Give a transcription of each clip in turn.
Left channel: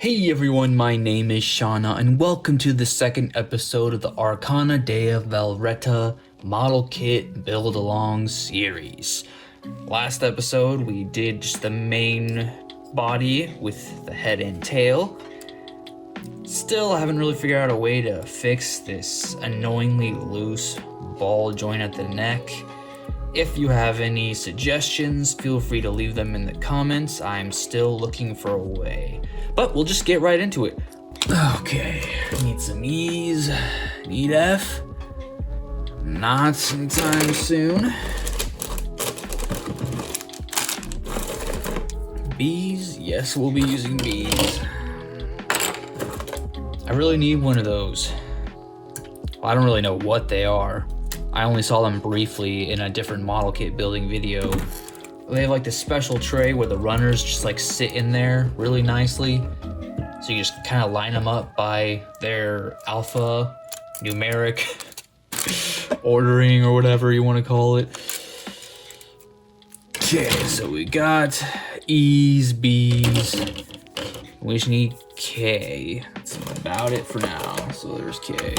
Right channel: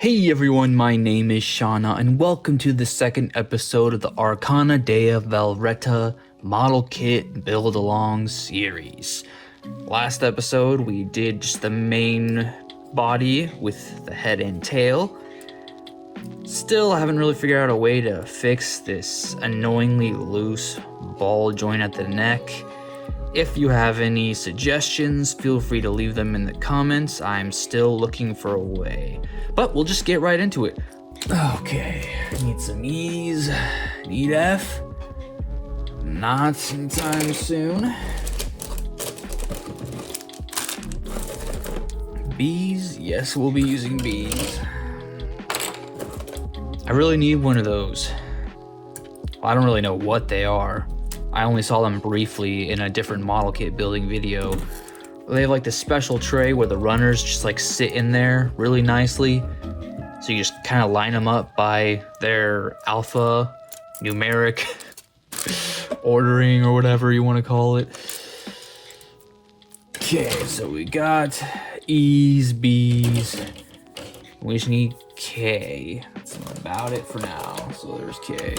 Hey everyone, my name is Shauna, and welcome to the second episode of the Arcanadea Velretta Model Kit Build Along series. Last episode, we did just the main body with the head and tail. Still haven't really figured out a way to fix this annoyingly loose ball joint at the neck. If you have any suggestions, feel free to leave them in the comments. I'm still looking for a way. But we'll just get right into it. Okay, need some E's, need F. Not sometime soon. B's, yes, we'll be using B's. I really need one of those. I don't really know what they are. I only saw them briefly in a different model kit building video. They have like this special tray where the runners just like sit in there really nicely. So you just kind of line them up by their alpha numeric ordering or whatever you want to call it. Okay, so we got E's, B's. We just need K. That's about it for now. So there's K.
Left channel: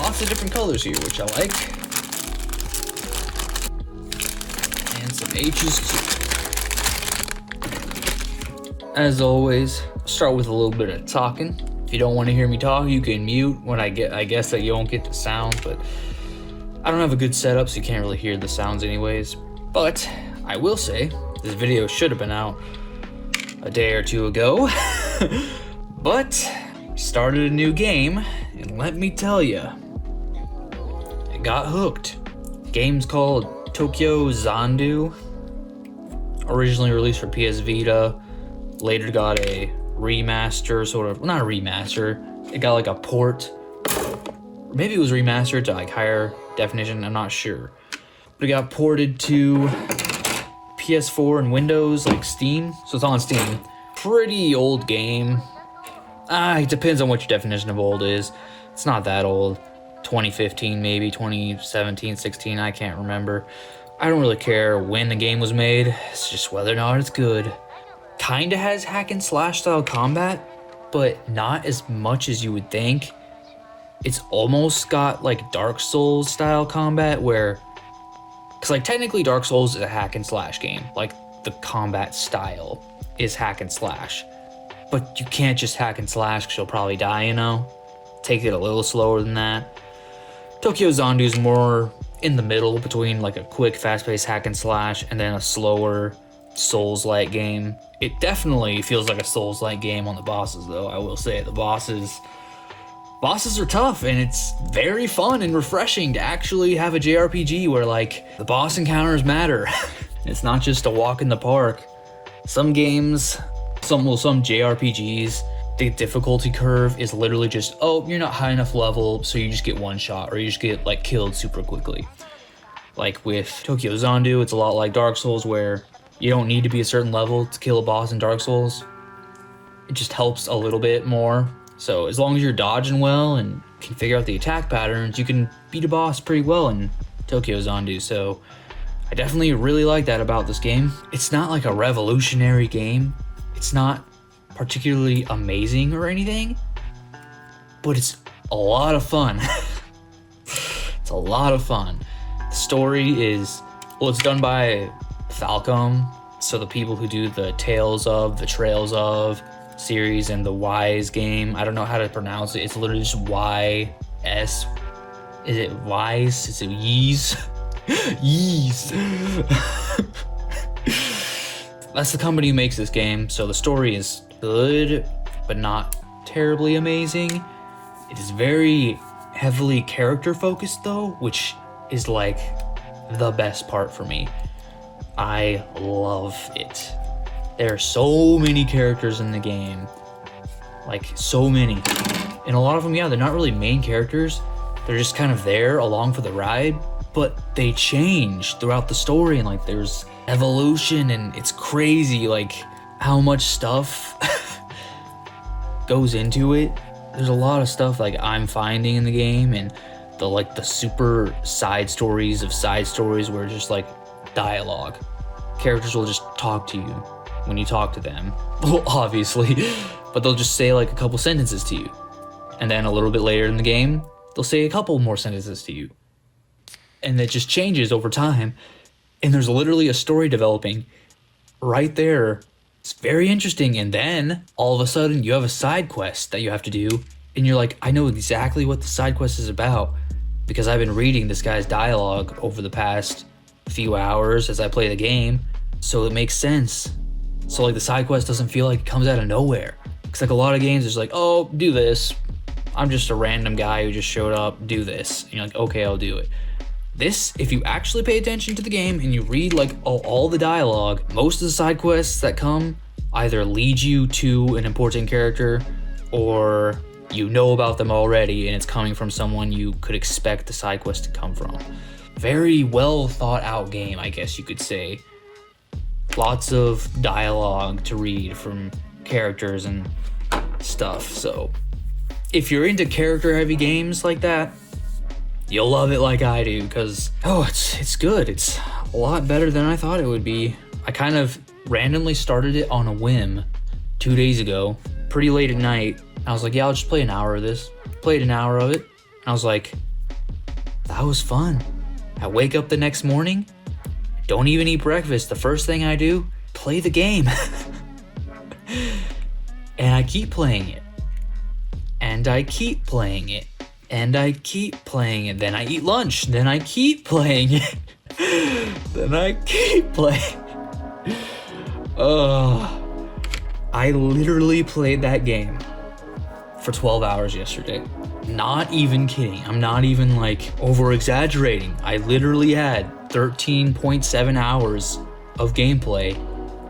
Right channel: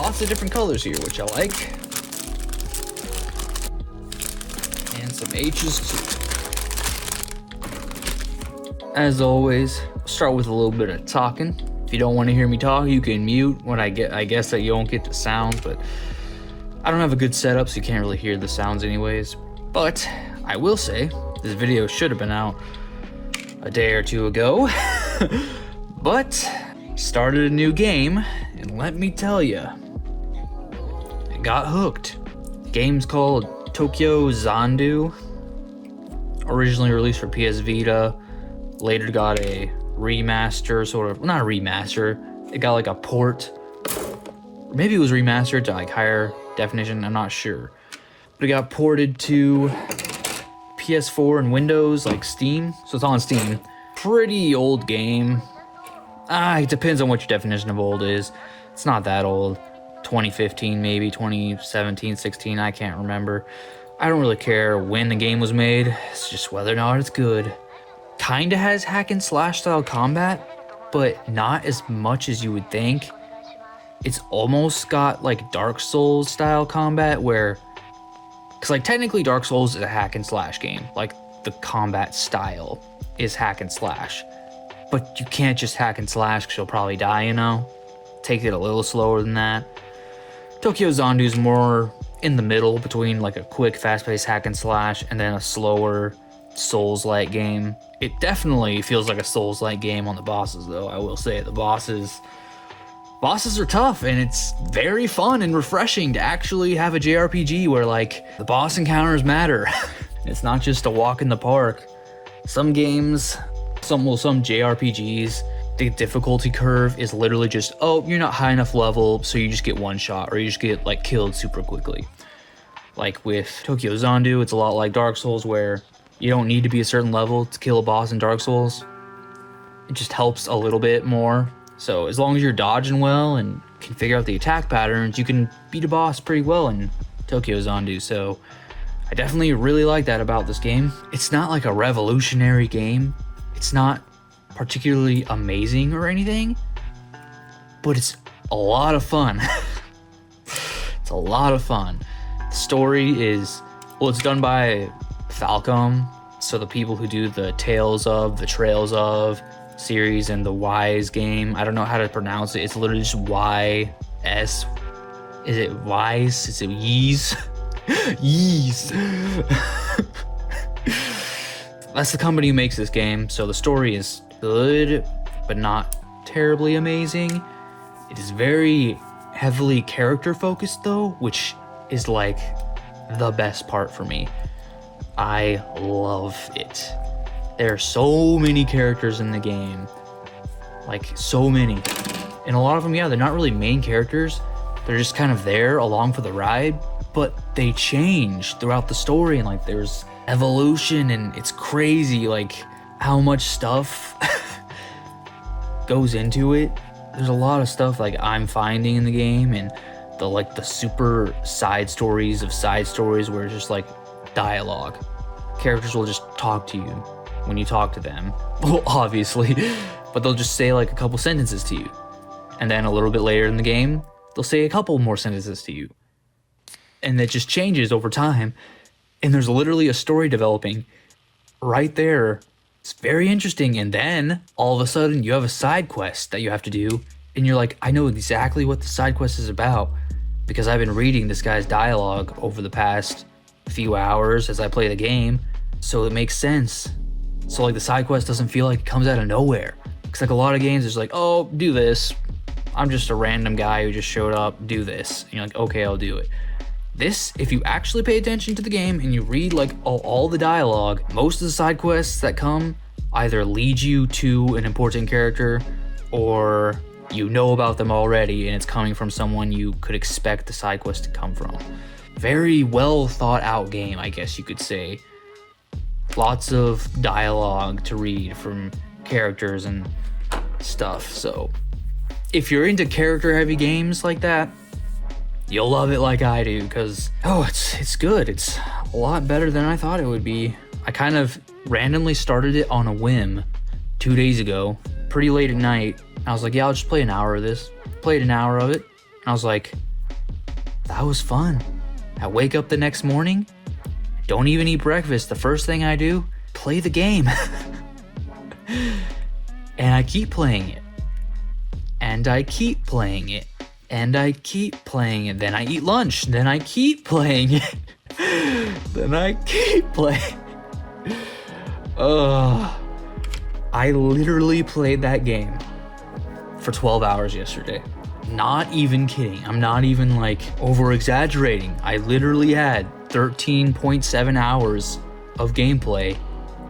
Lots of different colors here, which I like. And some H's too. As always, start with a little bit of talking. If you don't want to hear me talk, you can mute when I guess that you won't get the sound, but I don't have a good setup, so you can't really hear the sounds anyways. But I will say, this video should have been out a day or two ago, but started a new game, and let me tell you, I got hooked. The game's called Tokyo Xanadu, originally released for PS Vita, later got a remaster, sort of, not a remaster, it got like a port. Maybe it was remastered to like higher definition, I'm not sure. But it got ported to PS4 and Windows, like Steam, so it's on Steam. Pretty old game. It depends on what your definition of old is. It's not that old. 2015 maybe, 2017, 16, I can't remember. I don't really care when the game was made, it's just whether or not it's good. Kinda has hack and slash style combat, but not as much as you would think. It's almost got like Dark Souls style combat where, cause like technically Dark Souls is a hack and slash game. Like the combat style is hack and slash, but you can't just hack and slash cause you'll probably die, you know? Take it a little slower than that. Tokyo Xanadu is more in the middle between like a quick fast-paced hack and slash and then a slower Souls-like game. It definitely feels like a Souls-like game on the bosses though, I will say. The bosses are tough, and it's very fun and refreshing to actually have a JRPG where like the boss encounters matter. It's not just a walk in the park. Some games, some JRPGs, the difficulty curve is literally just, oh, you're not high enough level, so you just get one shot, or you just get like killed super quickly. Like with Tokyo Xanadu, it's a lot like Dark Souls where you don't need to be a certain level to kill a boss in Dark Souls. It just helps a little bit more. So as long as you're dodging well and can figure out the attack patterns, you can beat a boss pretty well in Tokyo Xanadu. So I definitely really like that about this game. It's not like a revolutionary game. It's not particularly amazing or anything, but it's a lot of fun. It's a lot of fun. The story is, well, it's done by Falcom, so the people who do the Tales of, the Trails of series and the Wise game, I don't know how to pronounce it, it's literally just Y-S, is it Wise, is it Yeez? Yeez. That's the company who makes this game, so the story is good, but not terribly amazing. It is very heavily character focused though, which is like the best part for me. I love it. There are so many characters in the game, like so many. And a lot of them, yeah, they're not really main characters. They're just kind of there along for the ride, but they change throughout the story, and like there's evolution, and it's crazy like how much stuff goes into it. There's a lot of stuff like I'm finding in the game, and the super side stories of side stories where it's just like dialogue. Characters will just talk to you when you talk to them. Well, obviously, but they'll just say like a couple sentences to you. And then a little bit later in the game, they'll say a couple more sentences to you. And it just changes over time. And there's literally a story developing right there. It's very interesting. And then all of a sudden you have a side quest that you have to do. And you're like, I know exactly what the side quest is about because I've been reading this guy's dialogue over the past few hours as I play the game. So it makes sense. So like the side quest doesn't feel like it comes out of nowhere. It's like a lot of games, it's like, oh, do this. I'm just a random guy who just showed up, do this. And you're like, okay, I'll do it. This, if you actually pay attention to the game and you read like all the dialogue, most of the side quests that come either lead you to an important character or you know about them already and it's coming from someone you could expect the side quest to come from. Very well thought out game, I guess you could say. Lots of dialogue to read from characters and stuff. So if you're into character heavy games like that, you'll love it like I do because, it's good. It's a lot better than I thought it would be. I kind of randomly started it on a whim 2 days ago, pretty late at night. I was like, yeah, I'll just play an hour of this. Played an hour of it. And I was like, that was fun. I wake up the next morning, don't even eat breakfast. The first thing I do, play the game. And I keep playing it. And I keep playing it. And I keep playing it. Then I eat lunch. Then I keep playing it. Then I keep playing. Oh, I literally played that game for 12 hours yesterday. Not even kidding. I'm not even like over exaggerating. I literally had 13.7 hours of gameplay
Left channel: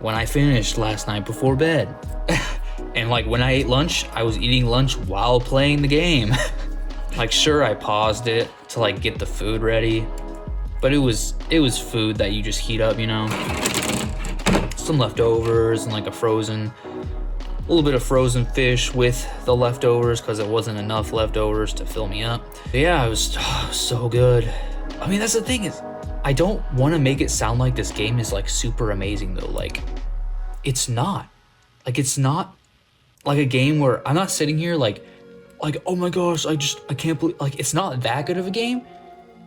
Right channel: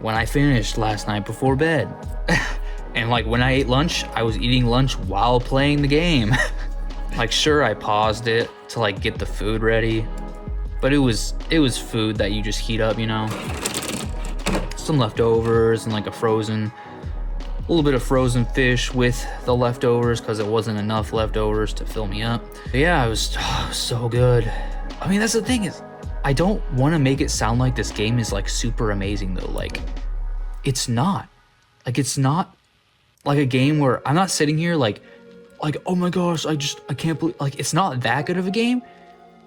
when I finished last night before bed. And like when I ate lunch, I was eating lunch while playing the game. Like sure, I paused it to like get the food ready, but it was food that you just heat up, you know? Some leftovers and like a little bit of frozen fish with the leftovers because there wasn't enough leftovers to fill me up. But yeah, it was so good. I mean, that's the thing is, I don't want to make it sound like this game is like super amazing though. Like, it's not. Like, it's not like a game where I'm not sitting here like, oh my gosh, I can't believe, like, it's not that good of a game.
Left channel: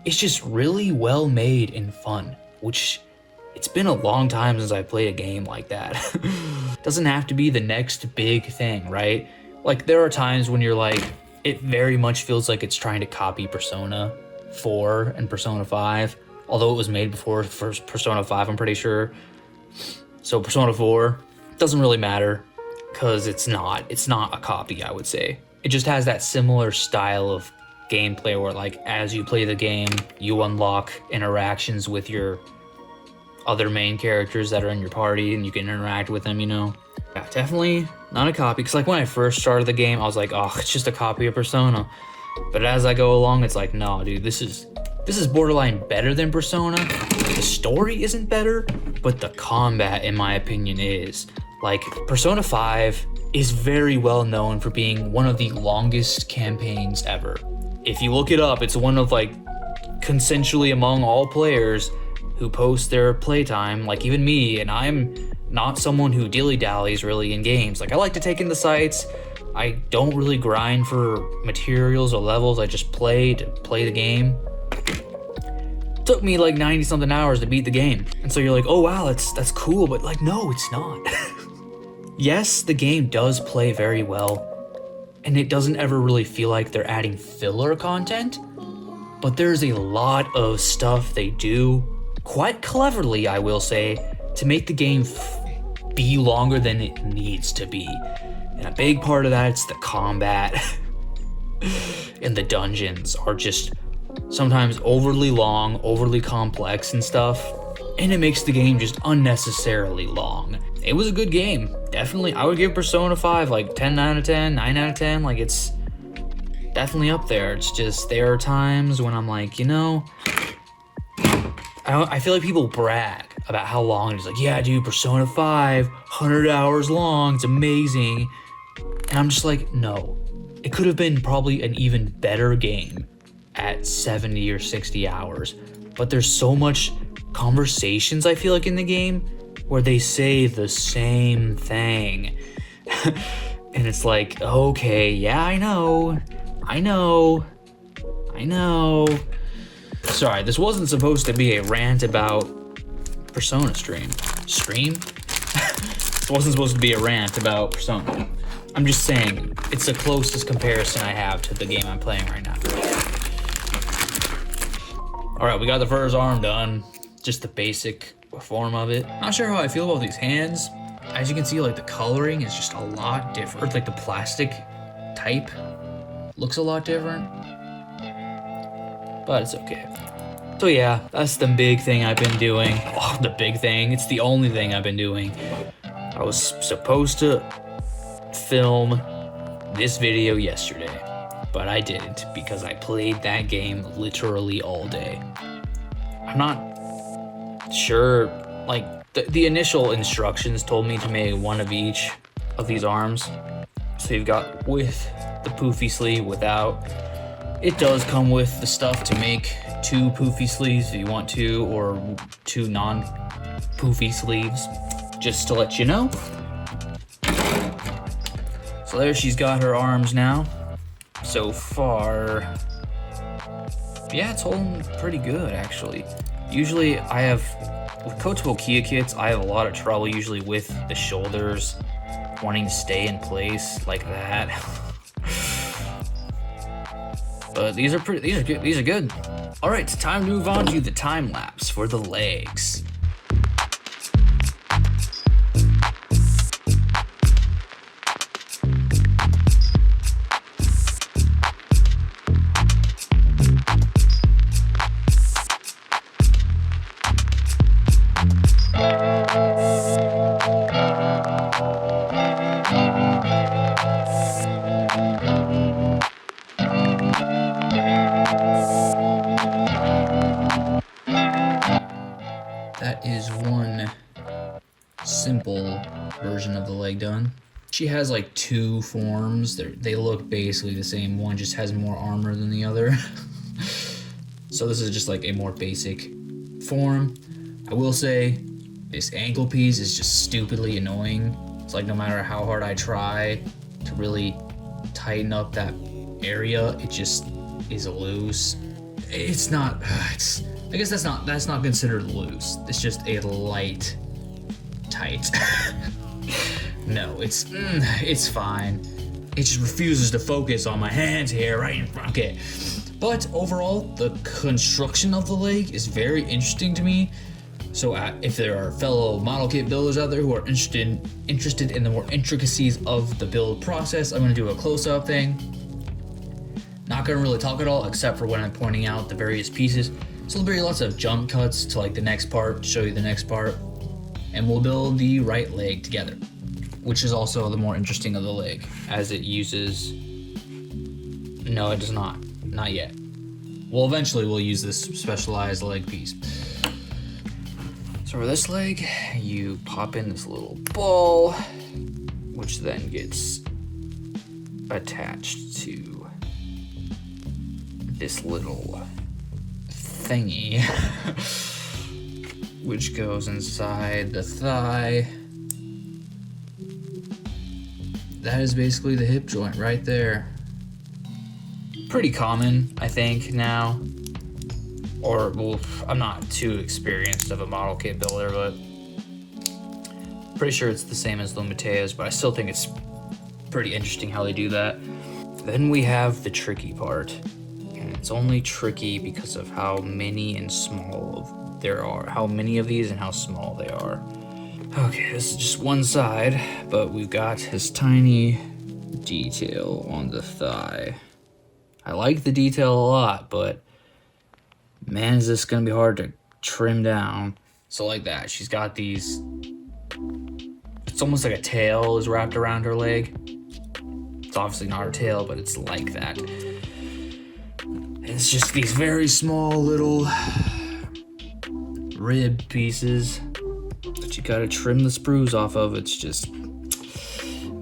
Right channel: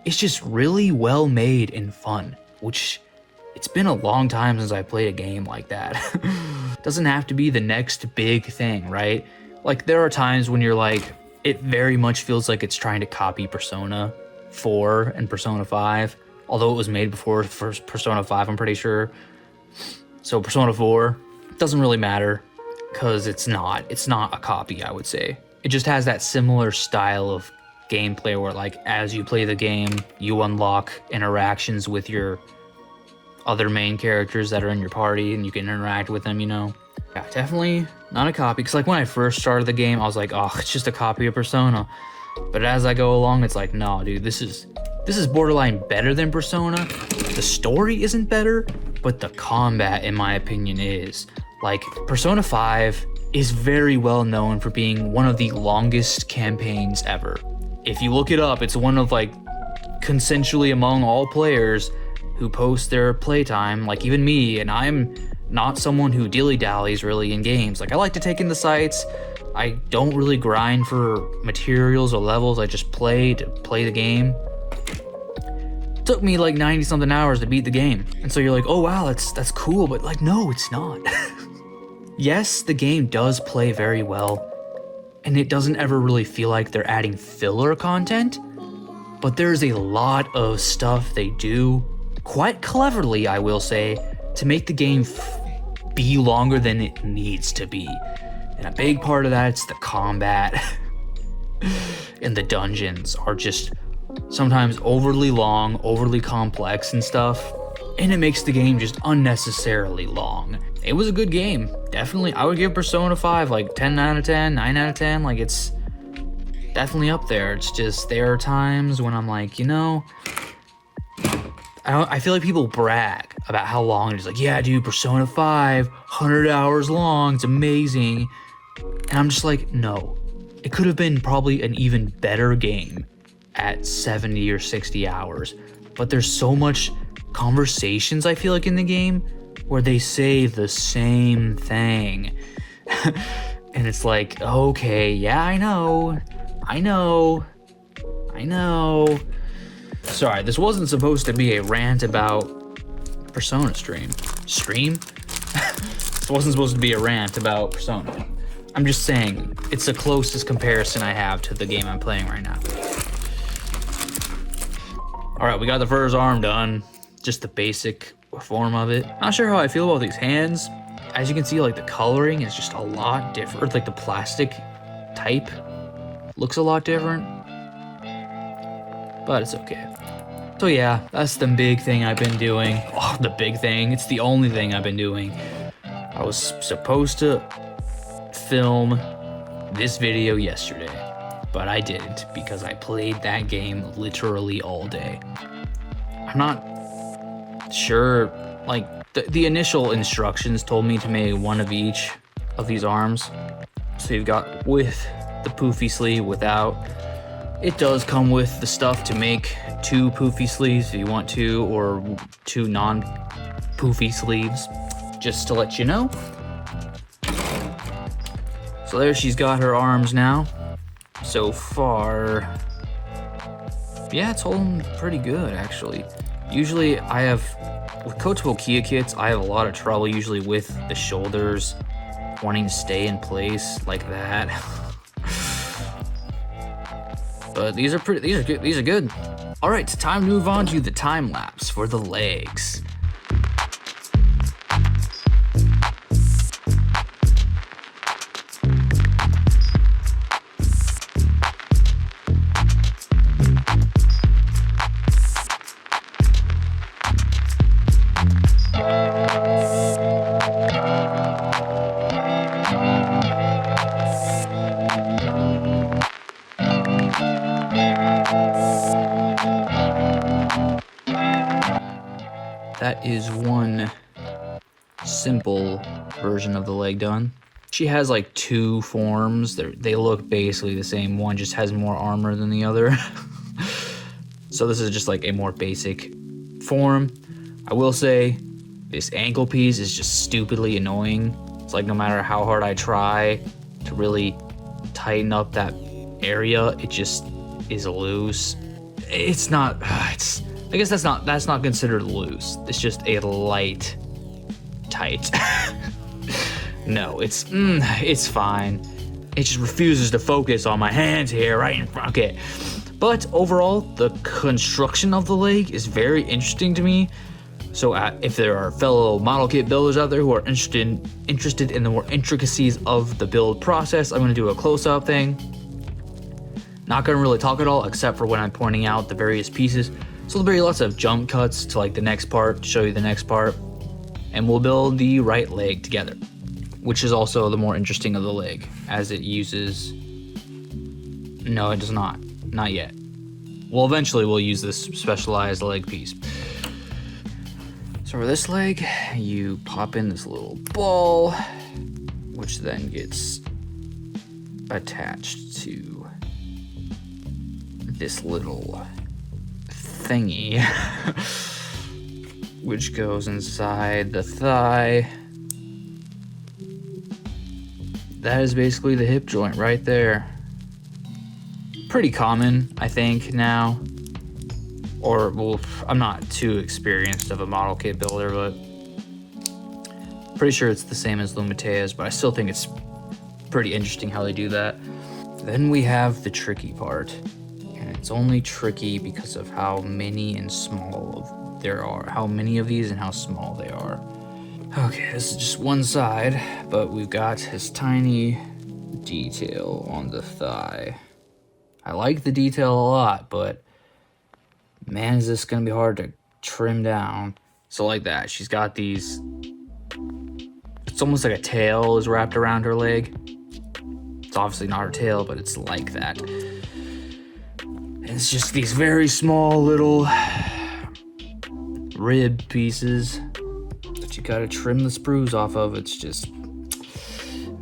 It's just really well made and fun, which it's been a long time since I played a game like that. Doesn't have to be the next big thing, right? Like there are times when you're like, it very much feels like it's trying to copy Persona 4 and Persona 5, although it was made before first Persona 5, I'm pretty sure. So Persona 4 doesn't really matter because it's not a copy, I would say. It just has that similar style of gameplay where like as you play the game, you unlock interactions with your other main characters that are in your party and you can interact with them, you know? Yeah, definitely not a copy, because like when I first started the game, I was like, oh, it's just a copy of Persona. But as I go along, it's like, no, dude, this is borderline better than Persona. The story isn't better, but the combat, in my opinion, is. Like, Persona 5 is very well known for being one of the longest campaigns ever. If you look it up, it's one of like, consensually among all players who post their playtime, like even me, and I'm not someone who dilly-dallies really in games. Like I like to take in the sights. I don't really grind for materials or levels. I just play to play the game. It took me like 90 something hours to beat the game. And so you're like, oh wow, that's cool, but like, no, it's not. Yes, the game does play very well, and it doesn't ever really feel like they're adding filler content, but there's a lot of stuff they do quite cleverly, I will say, to make the game be longer than it needs to be. And a big part of that's the combat. And the dungeons are just sometimes overly long, overly complex and stuff. And it makes the game just unnecessarily long. It was a good game. Definitely, I would give Persona 5 like 10 out of 10, 9 out of 10. Like it's definitely up there. It's just there are times when I'm like, you know, I feel like people brag about how long it is. Like, yeah, dude, Persona 5, 100 hours long, it's amazing. And I'm just like, no. It could have been probably an even better game at 70 or 60 hours. But there's so much conversations, I feel like, in the game where they say the same thing. And it's like, okay, yeah, I know. Sorry, this wasn't supposed to be a rant about Persona stream. This wasn't supposed to be a rant about Persona. I'm just saying, it's the closest comparison I have to the game I'm playing right now. Alright, we got the first arm done. Just the basic form of it. Not sure how I feel about these hands. As you can see, like, the coloring is just a lot different. Like, the plastic type looks a lot different. But it's okay. So yeah, that's the big thing I've been doing. Oh, the big thing. It's the only thing I've been doing. I was supposed to film this video yesterday, but I didn't because I played that game literally all day. I'm not sure, like, the initial instructions told me to make one of each of these arms. So you've got with the poofy sleeve, without. It does come with the stuff to make 2 poofy sleeves if you want to, or 2 non-poofy sleeves, just to let you know. So there she's got her arms now. So far, yeah, it's holding pretty good, actually. Usually with Kotobukiya Kia kits, I have a lot of trouble usually with the shoulders wanting to stay in place like that. But these are good. All right, time to move on to the time lapse for the legs. That is one simple version of the leg done. She has like 2 forms. They look basically the same. One just has more armor than the other. So this is just like a more basic form. I will say this ankle piece is just stupidly annoying. It's like no matter how hard I try to really tighten up that area, it just is loose. It's not, I guess that's not considered loose. It's just a light tight. No, it's fine. It just refuses to focus on my hands here, right in front. Okay. But overall, the construction of the leg is very interesting to me. So if there are fellow model kit builders out there who are interested in the more intricacies of the build process, I'm gonna do a close-up thing. Not gonna really talk at all, except for when I'm pointing out the various pieces. So there'll be lots of jump cuts to like the next part, show you the next part, and we'll build the right leg together, which is also the more interesting of the leg, as it uses, no it does not yet. Well, eventually we'll use this specialized leg piece. So for this leg, you pop in this little ball, which then gets attached to this little thingy, which goes inside the thigh. That is basically the hip joint right there. Pretty common, I think, now. Or, well, I'm not too experienced of a model kit builder, but pretty sure it's the same as Lumatea's, but I still think it's pretty interesting how they do that. Then we have the tricky part. And it's only tricky because of how many and small there are. How many of these and how small they are. Okay, this is just one side, but we've got this tiny detail on the thigh. I like the detail a lot, but man, is this gonna be hard to trim down. So like that, she's got these, it's almost like a tail is wrapped around her leg. It's obviously not her tail, but it's like that. And it's just these very small little rib pieces that you gotta trim the sprues off of. It's just,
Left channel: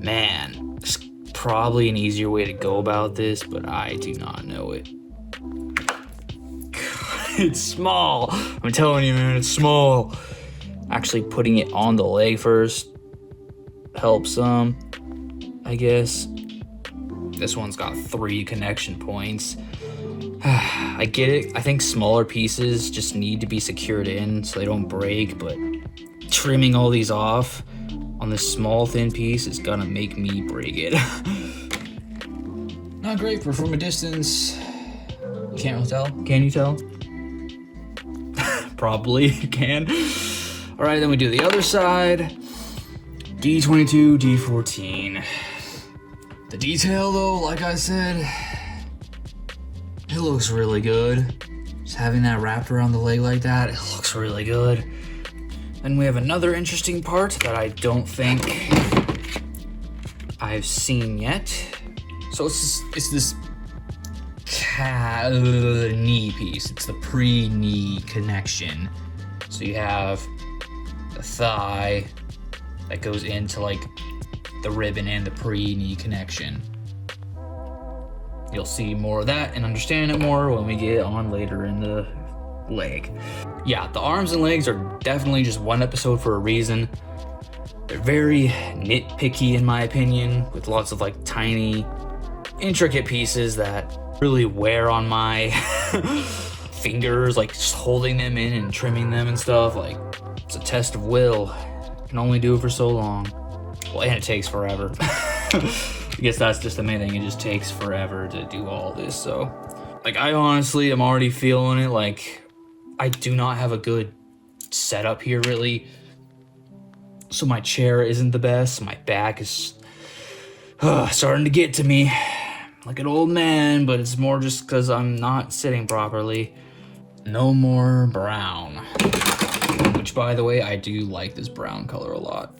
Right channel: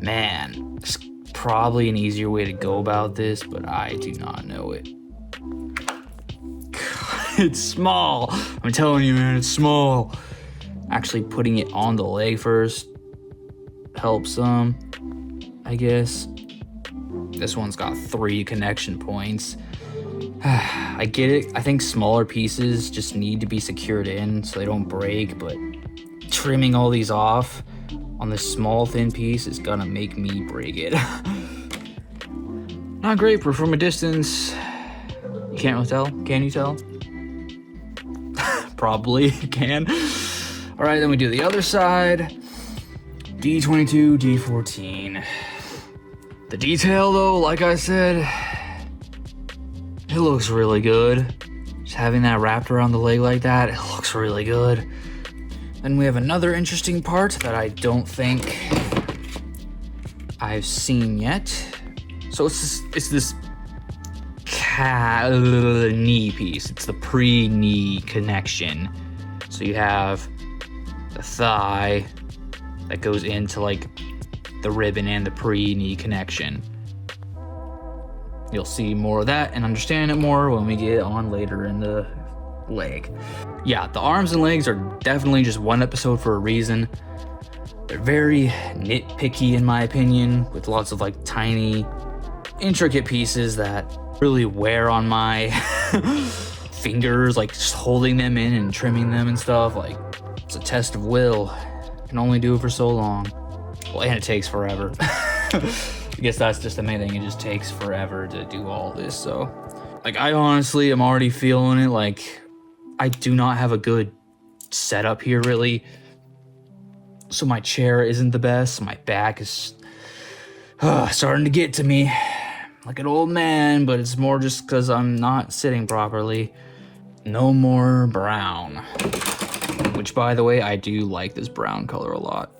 man, there's probably an easier way to go about this, but I do not know it. It's small. I'm telling you, man, it's small. Actually putting it on the leg first helps some, I guess. This one's got 3 connection points. I get it. I think smaller pieces just need to be secured in so they don't break, but trimming all these off on this small thin piece is gonna make me break it. Not great for from a distance. You can't really tell. Can you tell? Probably can. All right, then we do the other side. D22, D14. The detail though, like I said, it looks really good. Just having that wrapped around the leg like that, it looks really good. Then we have another interesting part that I don't think I've seen yet. So it's this knee piece. It's the pre-knee connection. So you have the thigh that goes into like the ribbon and the pre-knee connection. You'll see more of that and understand it more when we get on later in the leg. Yeah, the arms and legs are definitely just one episode for a reason. They're very nitpicky in my opinion, with lots of like tiny, intricate pieces that really wear on my fingers, like just holding them in and trimming them and stuff. Like, it's a test of will. You can only do it for so long. Well, and it takes forever. I guess that's just the main thing. It just takes forever to do all this. So, like, I honestly am already feeling it. Like, I do not have a good setup here, really. So my chair isn't the best. My back is starting to get to me like an old man, but it's more just because I'm not sitting properly. No more brown. Which, by the way, I do like this brown color a lot.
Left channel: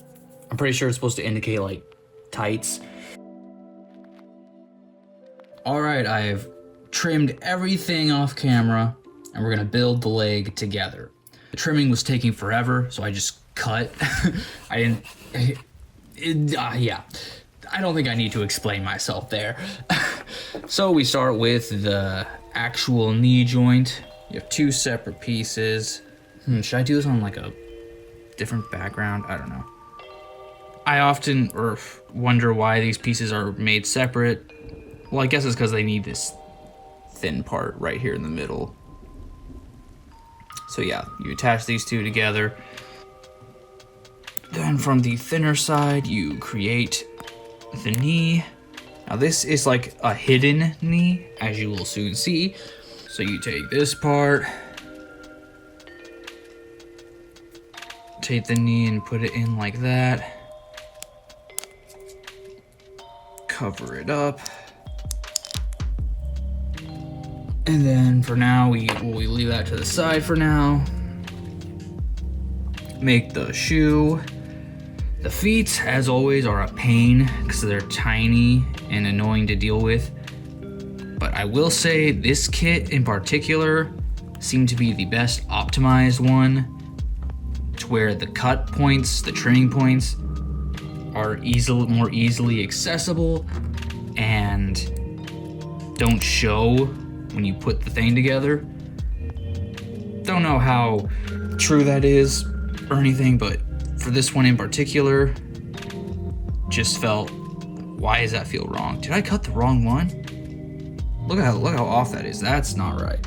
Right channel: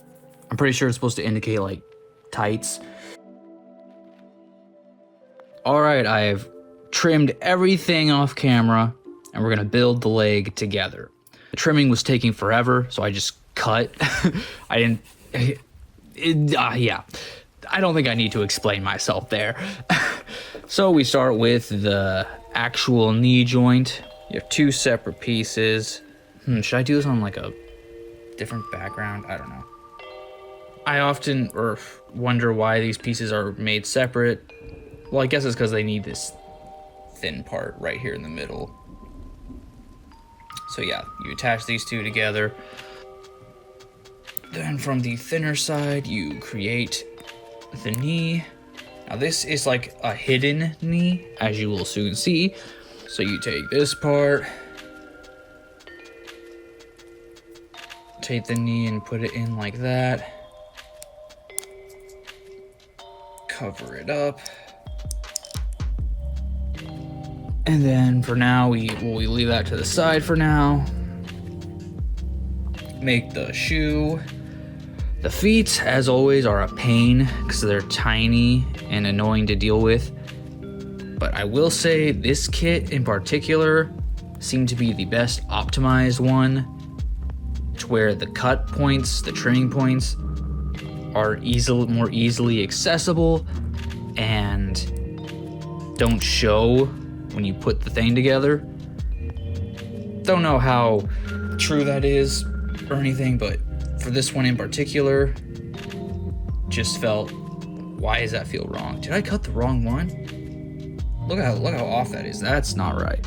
I'm pretty sure it's supposed to indicate, like, tights. Alright, I've trimmed everything off camera, and we're gonna build the leg together. The trimming was taking forever, so I just cut. I didn't... yeah. I don't think I need to explain myself there. So we start with the actual knee joint. You have 2 separate pieces. Should I do this on like a different background? I don't know. I often wonder why these pieces are made separate. Well, I guess it's because they need this thin part right here in the middle. So yeah, you attach these 2 together. Then from the thinner side, you create the knee. Now this is like a hidden knee, as you will soon see. So you take this part, take the knee and put it in like that. Cover it up. And then for now, we leave that to the side for now. Make the shoe. The feet, as always, are a pain because they're tiny and annoying to deal with. But I will say this kit in particular seemed to be the best optimized one, to where the cut points, the trimming points, are more easily accessible and don't show when you put the thing together. Don't know how true that is or anything, but for this one in particular, just felt, why does that feel wrong? Did I cut the wrong one? Look how off that is. That's not right.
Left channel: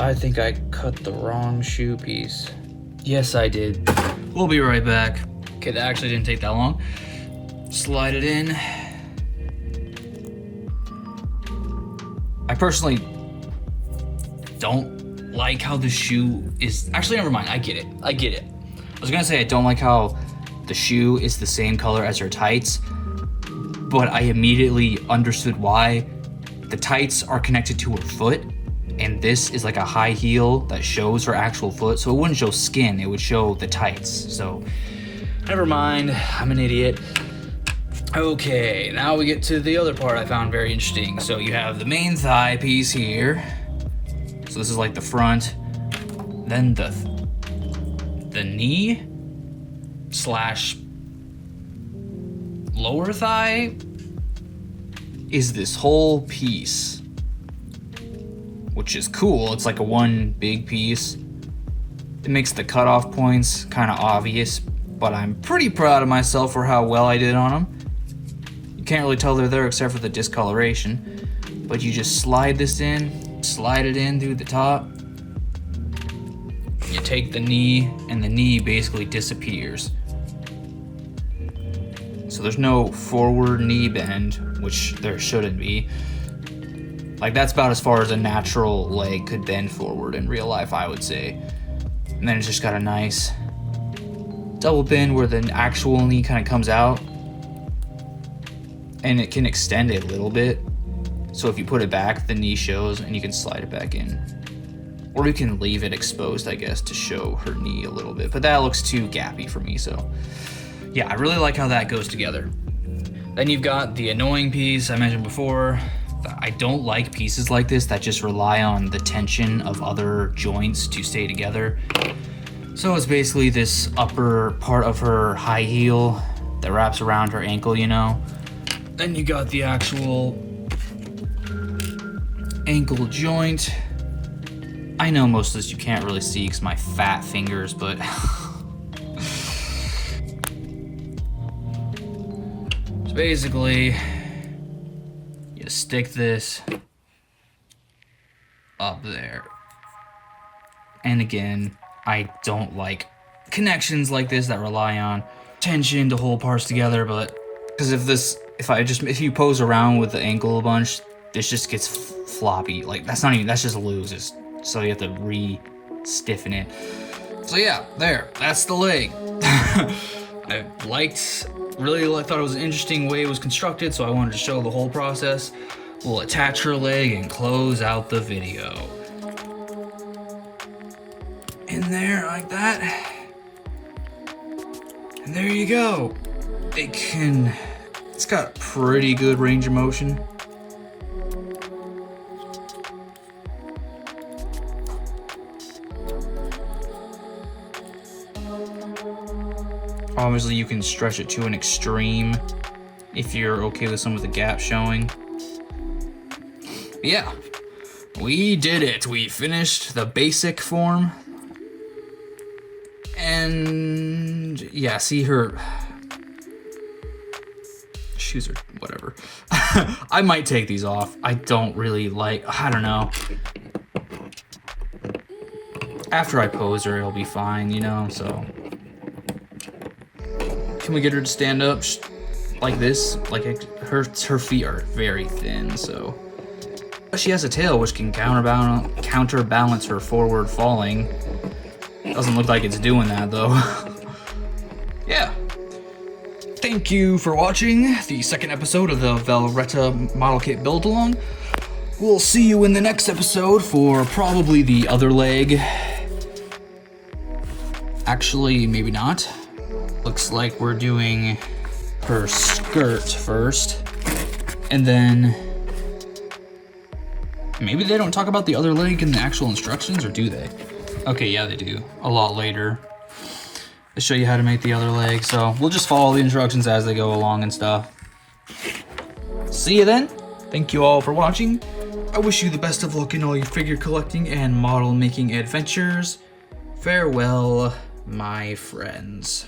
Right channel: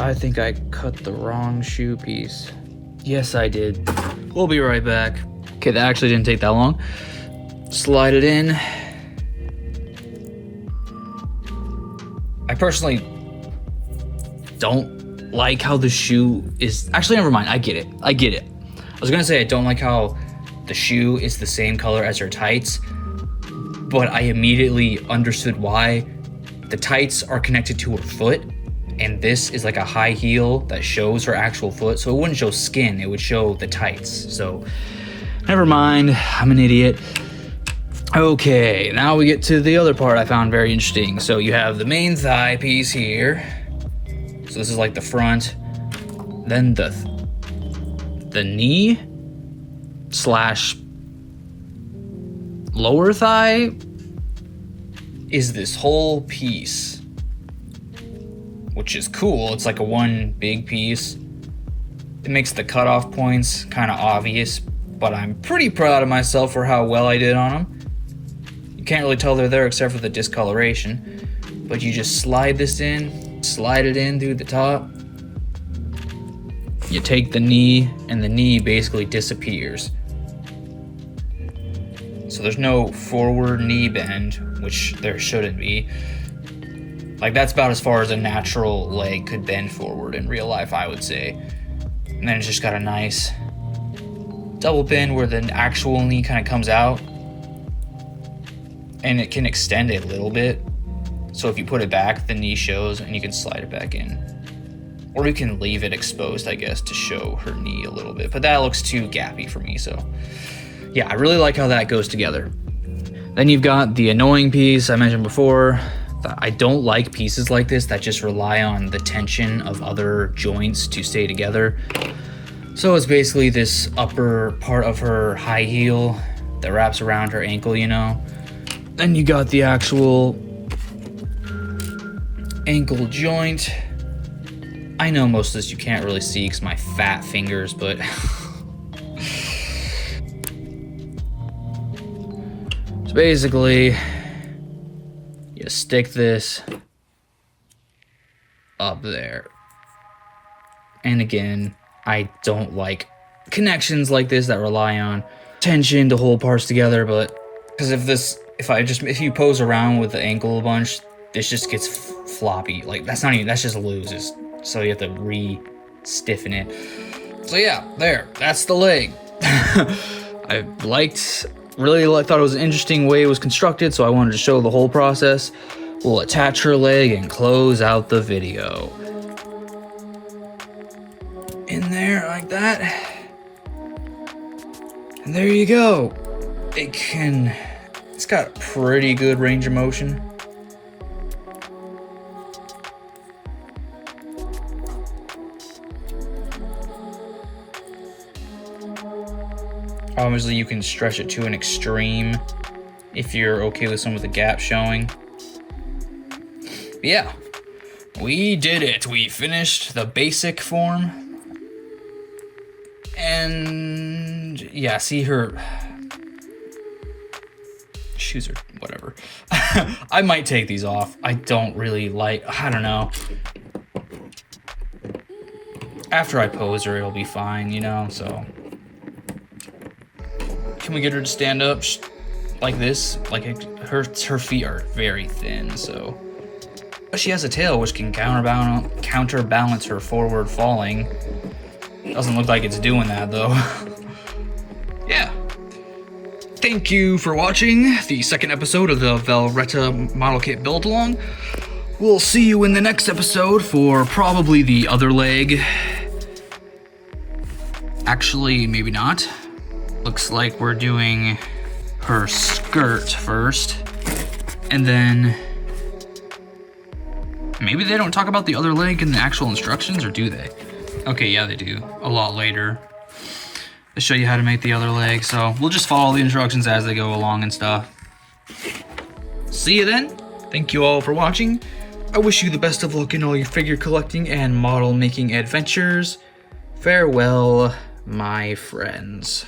I think I cut the wrong shoe piece. Yes, I did. We'll be right back. Okay, that actually didn't take that long. Slide it in. I personally don't like how the shoe is... Actually, never mind. I get it. I was gonna say I don't like how the shoe is the same color as her tights, but I immediately understood why. The tights are connected to her foot, and this is like a high heel that shows her actual foot, so it wouldn't show skin, it would show the tights. So, never mind, I'm an idiot. Okay, now we get to the other part I found very interesting. So you have the main thigh piece here. So this is like the front. Then the knee slash lower thigh is this whole piece, which is cool. It's like a one big piece. It makes the cutoff points kind of obvious, but I'm pretty proud of myself for how well I did on them. You can't really tell they're there except for the discoloration, but you just slide this in, slide it in through the top. You take the knee, and the knee basically disappears. So there's no forward knee bend, which there shouldn't be. Like, that's about as far as a natural leg could bend forward in real life, I would say. And then it's just got a nice double bend where the actual knee kind of comes out. And it can extend a little bit. So if you put it back, the knee shows and you can slide it back in. Or you can leave it exposed, I guess, to show her knee a little bit. But that looks too gappy for me, so... yeah, I really like how that goes together. Then you've got the annoying piece I mentioned before. I don't like pieces like this that just rely on the tension of other joints to stay together. So it's basically this upper part of her high heel that wraps around her ankle, you know. Then you got the actual ankle joint. I know most of this you can't really see because my fat fingers, but so basically you stick this up there. And again, I don't like connections like this that rely on tension to hold parts together, but because if you pose around with the ankle a bunch, this just gets floppy. Like, that's just loose. So you have to re-stiffen it. So yeah, that's the leg. I really thought it was an interesting way it was constructed, so I wanted to show the whole process. We'll attach her leg and close out the video. In there, like that. And there you go. It's got a pretty good range of motion. Obviously, you can stretch it to an extreme if you're okay with some of the gaps showing. But yeah, we did it. We finished the basic form. And yeah, see her shoes or whatever. I might take these off. I don't know. After I pose her, it'll be fine, you know, so. Can we get her to stand up like this? Like, her feet are very thin, so. But she has a tail which can counterbalance her forward falling. Doesn't look like it's doing that though. Yeah. Thank you for watching the second episode of the Velretta model kit build along. We'll see you in the next episode for probably the other leg. Actually, maybe not. Looks like we're doing her skirt first, and then maybe they don't talk about the other leg in the actual instructions, or do they? Okay, yeah, they do. A lot later. They show you how to make the other leg, so we'll just follow the instructions as they go along and stuff. See you then. Thank you all for watching. I wish you the best of luck in all your figure collecting and model making adventures. Farewell, my friends.